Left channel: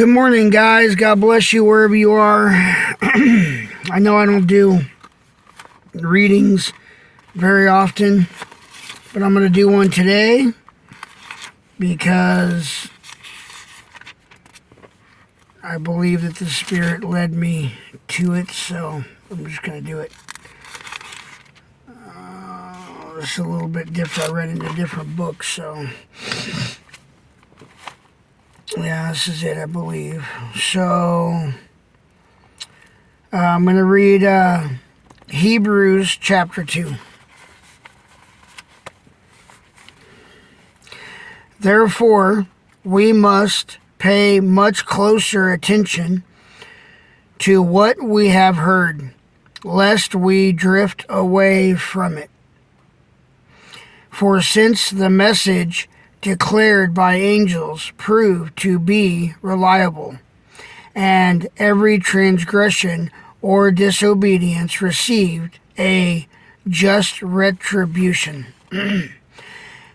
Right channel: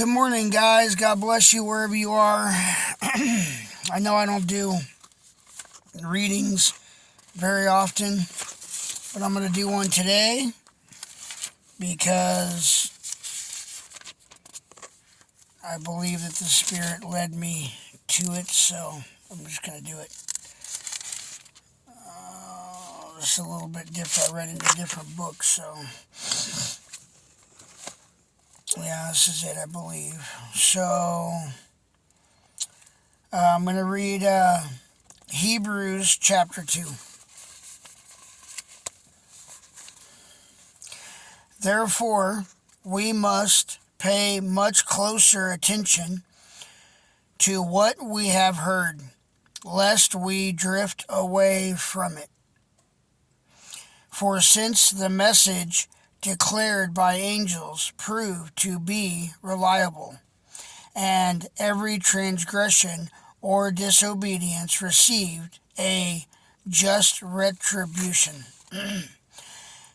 Good morning, guys. God bless you wherever you are. I know I don't do readings very often, but I'm going to do one today because I believe that the Spirit led me to it, so I'm just going to do it. It's a little bit different. I read it in a different book, so yeah, this is it, I believe. So I'm going to read Hebrews chapter 2. Therefore, we must pay much closer attention to what we have heard, lest we drift away from it. For since the message declared by angels proved to be reliable, and every transgression or disobedience received a just retribution,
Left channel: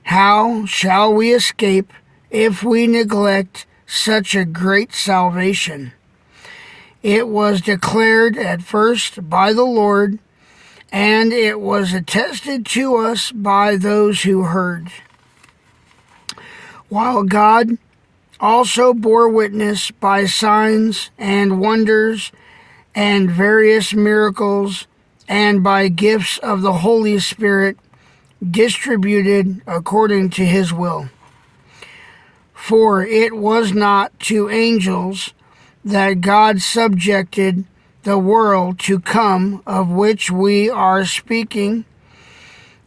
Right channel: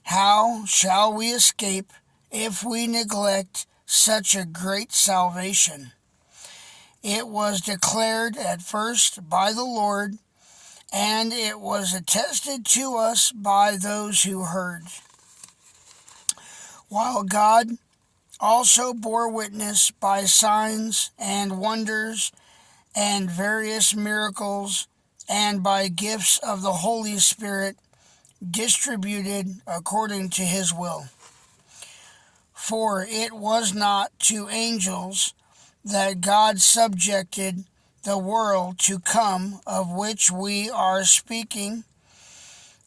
how shall we escape if we neglect such a great salvation? It was declared at first by the Lord, and it was attested to us by those who heard, while God also bore witness by signs and wonders and various miracles and by gifts of the Holy Spirit distributed according to his will. For it was not to angels that God subjected the world to come, of which we are speaking.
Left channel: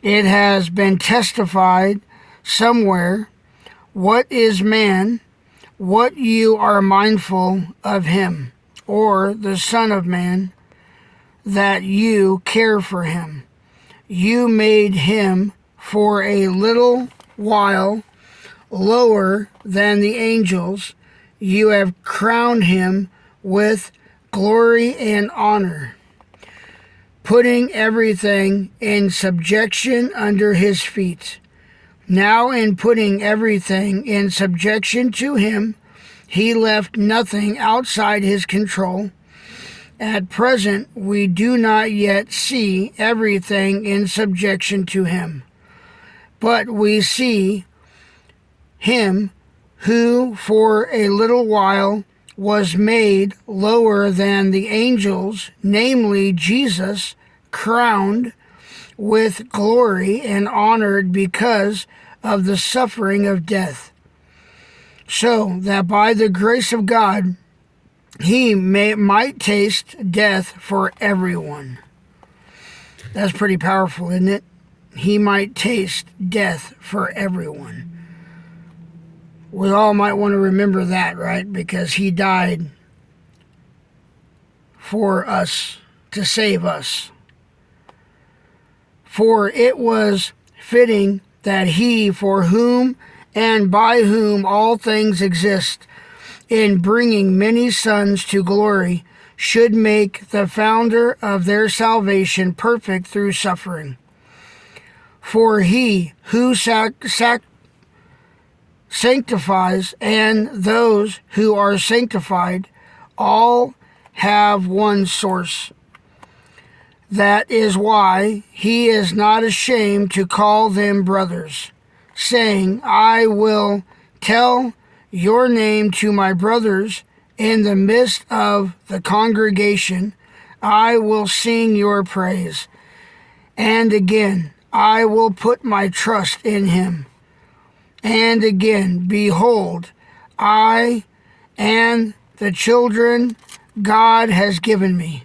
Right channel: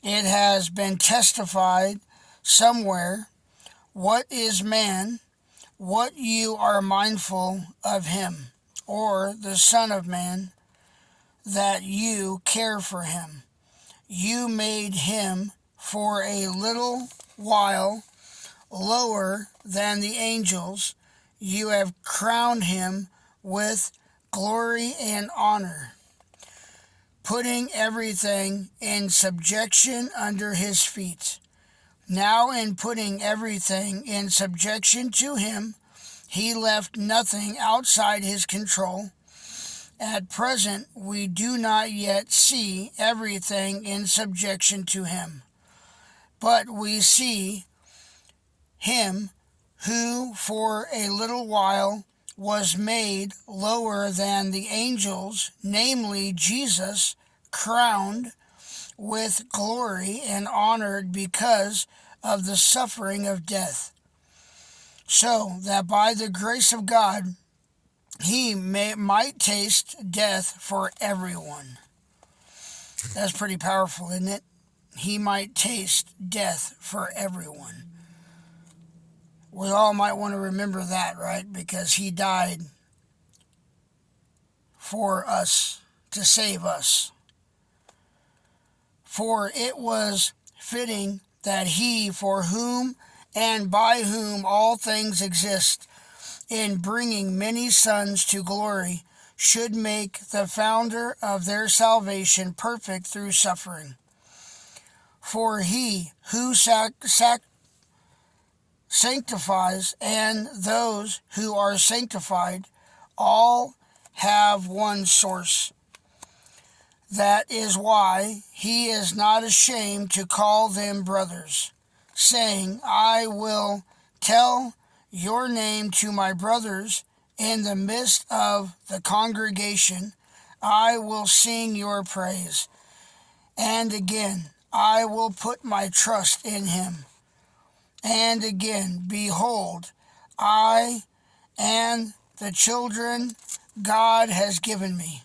It has been testified somewhere, what is man, what you are mindful of him, or the Son of Man, that you care for him. You made him for a little while lower than the angels. You have crowned him with glory and honor, putting everything in subjection under his feet. Now, in putting everything in subjection to him, he left nothing outside his control. At present, we do not yet see everything in subjection to him, but we see him who for a little while was made lower than the angels, namely Jesus, crowned with glory and honored because of the suffering of death, so that by the grace of God he might taste death for everyone. That's pretty powerful, isn't it? He might taste death for everyone. We all might want to remember that, right? Because he died for us, to save us. For it was fitting that he, for whom and by whom all things exist, in bringing many sons to glory, should make the founder of their salvation perfect through suffering. For he who sanctifies and those who are sanctified all have one source. That is why he is not ashamed to call them brothers, saying, I will tell your name to my brothers in the midst of the congregation. I will sing your praise. And again, I will put my trust in him. And again, behold, I and the children God has given me.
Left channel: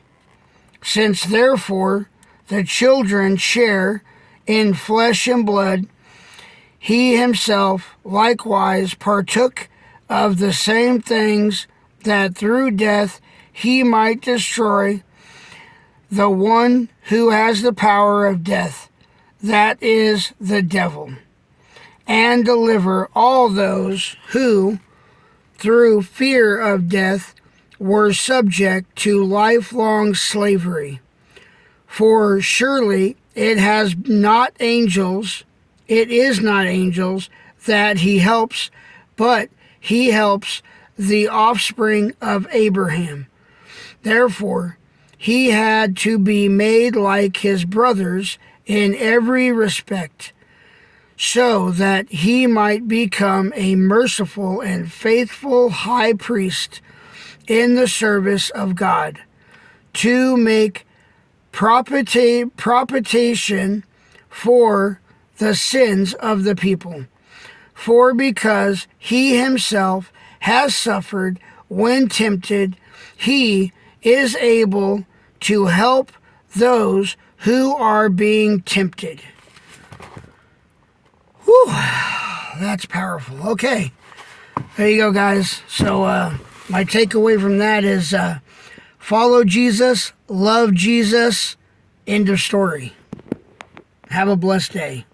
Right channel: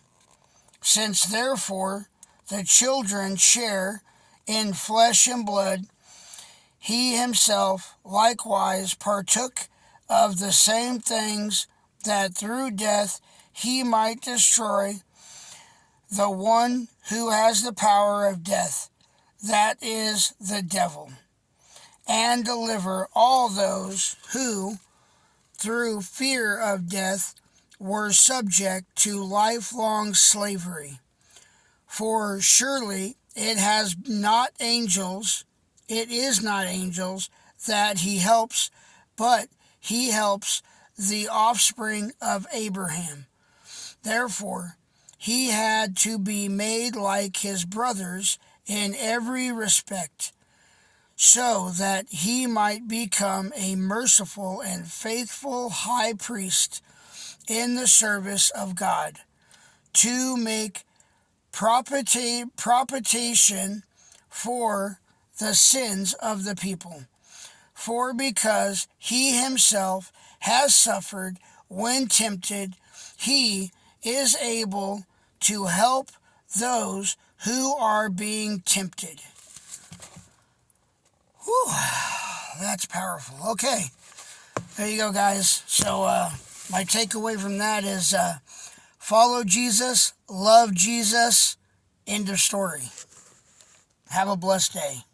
Since therefore the children share in flesh and blood, he himself likewise partook of the same things, that through death he might destroy the one who has the power of death, that is, the devil, and deliver all those who, through fear of death, were subject to lifelong slavery. For surely it is not angels that he helps, but he helps the offspring of Abraham. Therefore, he had to be made like his brothers in every respect, so that he might become a merciful and faithful high priest in the service of God, to make propitiation for the sins of the people. For because he himself has suffered when tempted, he is able to help those who are being tempted. Whew, that's powerful. Okay, there you go, guys. So my takeaway from that is follow Jesus, love Jesus, end of story. Have a blessed day.